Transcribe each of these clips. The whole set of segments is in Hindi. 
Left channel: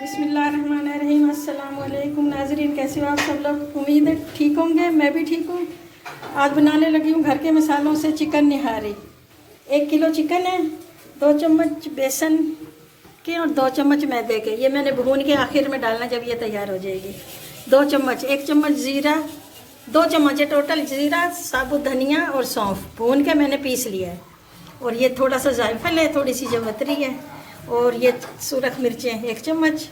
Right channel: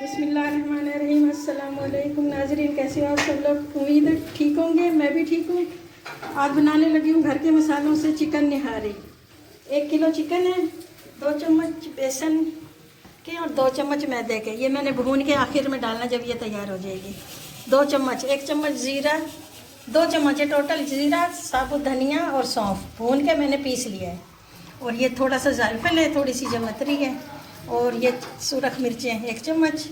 बिस्मिल्लाहिर्रहमानिर्रहीम। अस्सलाम वालेकुम नाज़रीन, कैसे हो आप सब लोग? उम्मीद है ठीक होंगे, मैं भी ठीक हूँ। आज बनाने लगी हूँ घर के मसालों से चिकन निहारी। 1 किलो चिकन है, 2 चम्मच बेसन के और 2 चम्मच मैदे के। ये मैंने भून के आखिर में डालना जब ये तैयार हो जाएगी। 2 चम्मच, 1 चम्मच ज़ीरा, 2 चम्मच है टोटल ज़ीरा, साबुत धनिया और सौंफ भून के मैंने पीस लिया है। और ये थोड़ा सा जायफल है, थोड़ी सी जवतरी है, और ये सुरख मिर्चें 1 चम्मच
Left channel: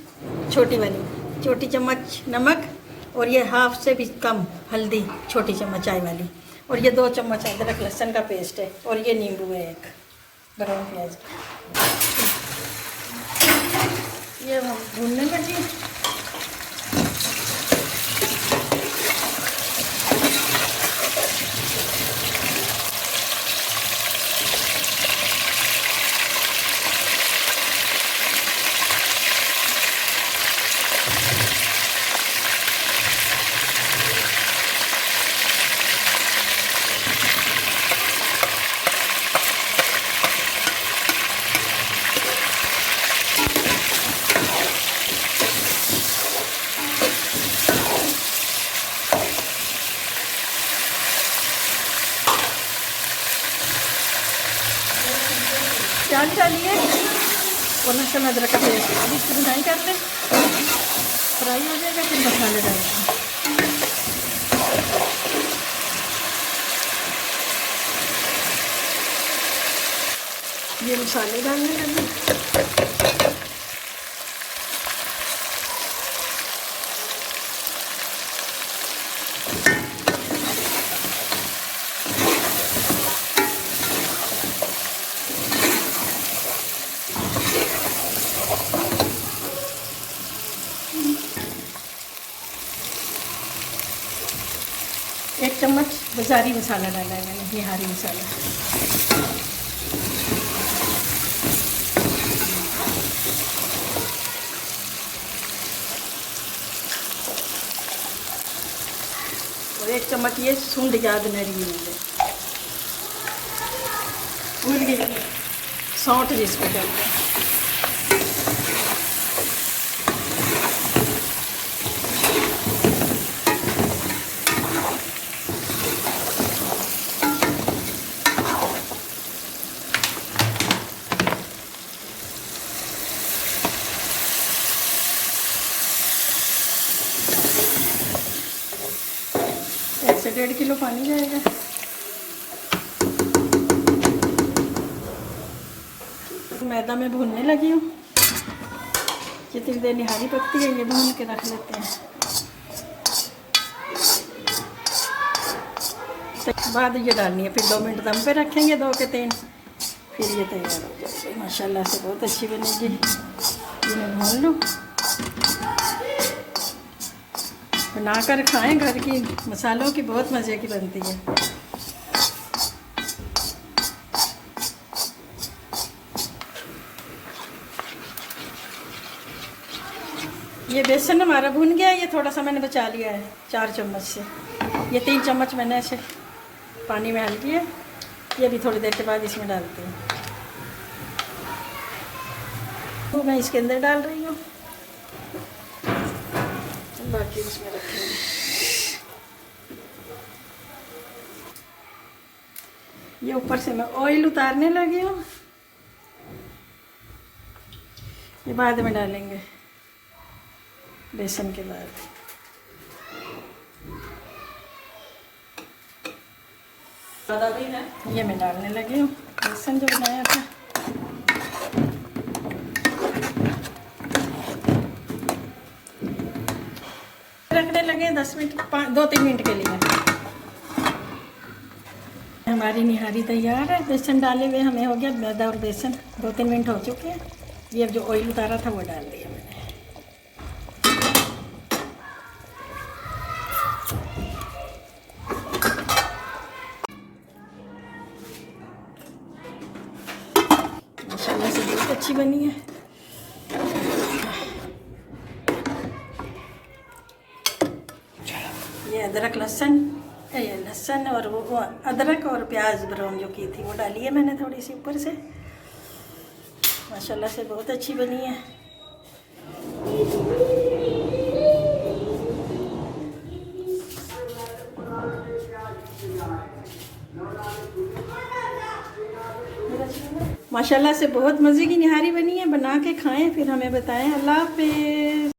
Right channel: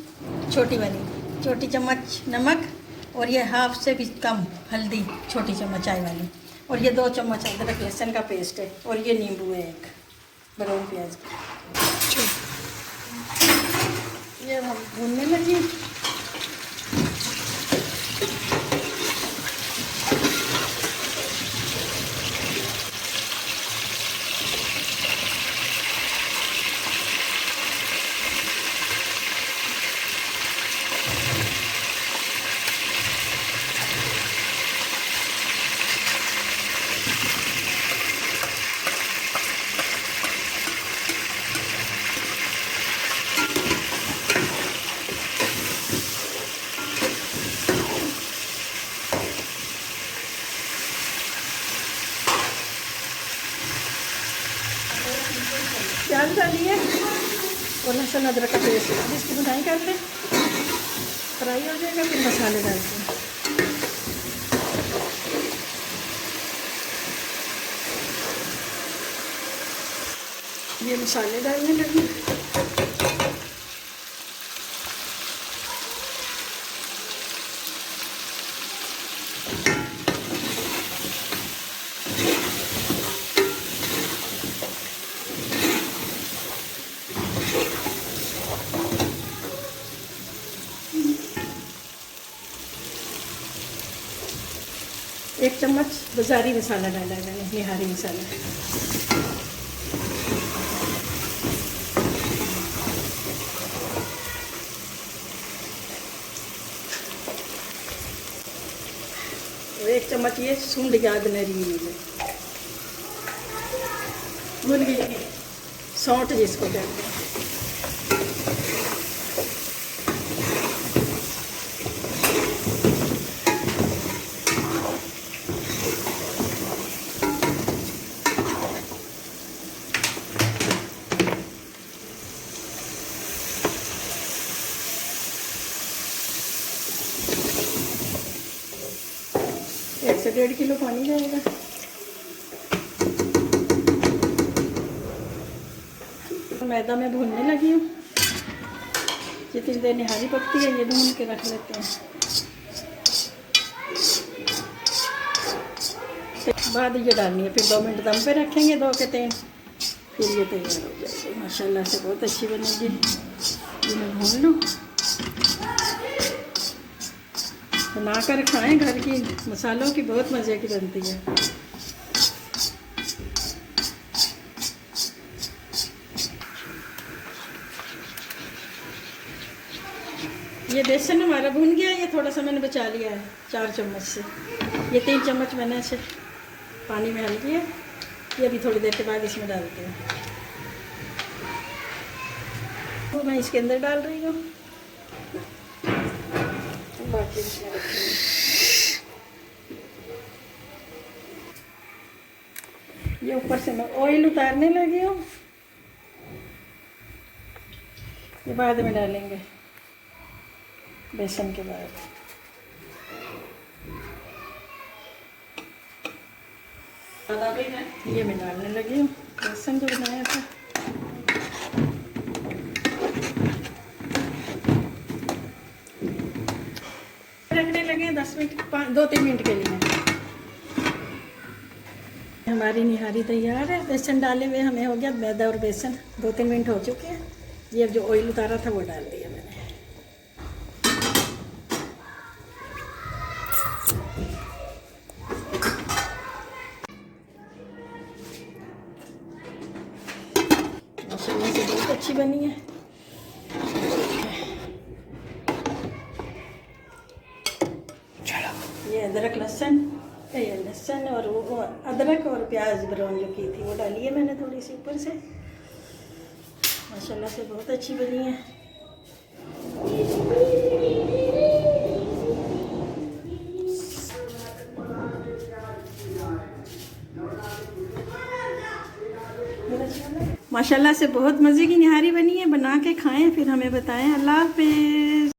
छोटी वाली, छोटी चम्मच नमक, और ये हाफ से भी कम हल्दी छोटी चम्मच चाय वाली, और ये 2 चम्मच अदरक लहसुन का पेस्ट है, और ये नींबू है 1 ब्राउन प्याज। ये हम भूनने लगी। प्याज डालिए और लहसुन अदरक का पेस्ट, अब इसकी भुनाई करते फ्राई हो जाएगा, फिर मसाले डालते हैं। ये मसाले डालने लगे। एक चम्मच बाज़ारी मसाला डाला है मैंने, निहारी मसाला। और 1 चम्मच ये सूंढ याद नरी सौंठ जिसको कहते हैं। से 1.5 किलो पानी जाएगा। मैदा में भूनने लगी हूँ। जितनी देर निहारी पकती है ये भून के रख लेते हैं। बाद ये डालनी है, फिर 2 मिनट दम पे रखेंगे 2 के 3, फिर ये तैयार हो जाएगी। माशाल्लाह से बहुत अच्छी बनेगी। ये मैं भून लूँ, बना कर खाएँ। घर की मसालों की बहुत मज़े की बनती है। ये बेसन हमारा भून गया। ये थोड़ा सा मैंने बचा लिया है 4 चम्मच से। ये 3 चम्मच मैंने ऐसे पानी में डाल दिया। ये भी थोड़ी देर के बाद इसमें डालती हूँ। तो मैं इसके अंदर डाल रही हूँ, बाकी इसमें रखेंगे। ये ऊपर से मैं ऑयल उतारने लगी हूँ, ये बाद में डालेंगे बेसन के बाद। ये मैं डालने लगी हूँ बेसन जो बनाया था। रखने लगे 10 मिनट, 2-3 मिनट के लिए। हमारी निहारी तैयार है। बेसन डाले हुए हमें हो गया, मैदा और बेसन 2-3 मिनट हो चुके हैं। ये जो ऑयल उतारा था वो डाल दिया मैंने। माशाल्लाह से बहुत अच्छी बनी है। ये अदरक लहसुन और वो अदरक और प्याज ब्राउन जो की थी वो डाली है मैंने थोड़ी सी ऊपर से। माशाल्लाह से बहुत अच्छी बनी है। माशाल्लाह से बहुत मज़े की निहारी बनी है। बना के खाएं फिर हमें बताएं। अल्लाह हाफिज़।